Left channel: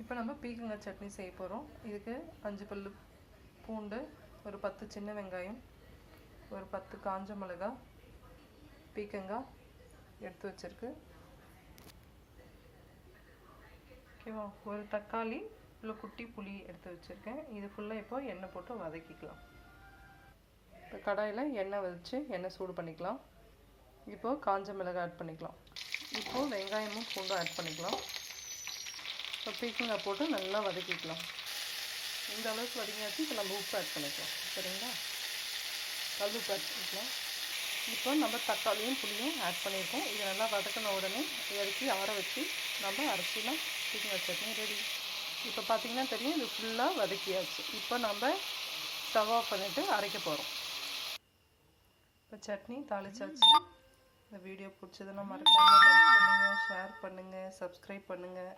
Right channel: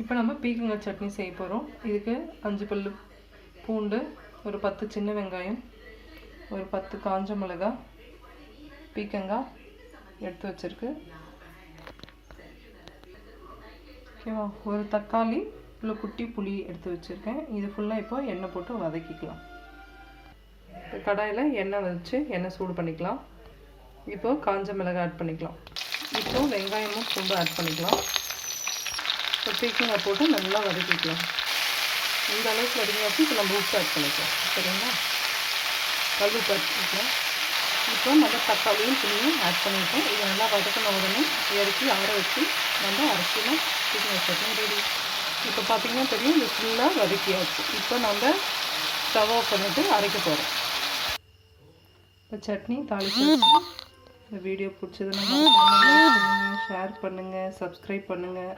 இப்போ நம்ம பீக்கங்காய் சட்னி செய்ய போகிறோம் இதுக்கு அஞ்சு பல்லு பூண்டு ஒரு பத்து சின்ன வெங்காயம் ஒரு பத்து காஞ்ச மிளகாய் பீக்கங்காய் எடுத்து வச்சிருக்கு. ஓகேவா? ஒரு தக்காளி உள்ள குட்டி புளி எடுத்து வச்சுருக்கேன். இது ஃபுல்லாக இப்போ எண்ணெய் போட்டு வதக்கிக்கலாம். இப்போ கடாயில் எண்ணெய் வச்சு எண்ணெய் சூடு பண்ணிக்கலாம். இப்போது காஞ்ச மிளகாய் ஆட் பண்ணிக்கலாம். இப்போது வெங்காயமும் பூண்டும் ஆட் பண்ணிக்கலாம். பீக்கங்காய் போட்டு நல்லா வதக்கிக்கலாம். இந்த அளவுக்கு வதங்கியாச்சு இப்போ நம்ம உப்பு ஆட் பண்ணிக்கலாம். சரிங்களா? கல் உப்பு ஆட் பண்ணிக்கலாம். இப்போ நம்ம தக்காளியும் புளியும் ஆட் பண்ணியிருக்கோம் இது நல்லா வதக்கின உடனே இறக்கி ஆற வச்சு நம்ம அரிசியில் பீக்கங்காய் சட்னி ரெடி இப்போ பார்த்தீங்கன்னா தெரியும் இது ஃபுல்லாக வதக்கியாச்சு. இப்போ நம்ம ஸ்டவ் ஆஃப் பண்ணிவிட்டு அரைக்க போகிறோம் இப்போ சட்னி தாளிச்சாச்சு இந்த வீடியோ பிடிச்சதுன்னா ஷேர் பண்ணுங்கள் சப்ஸ்கிரைப் பண்ணுங்கள்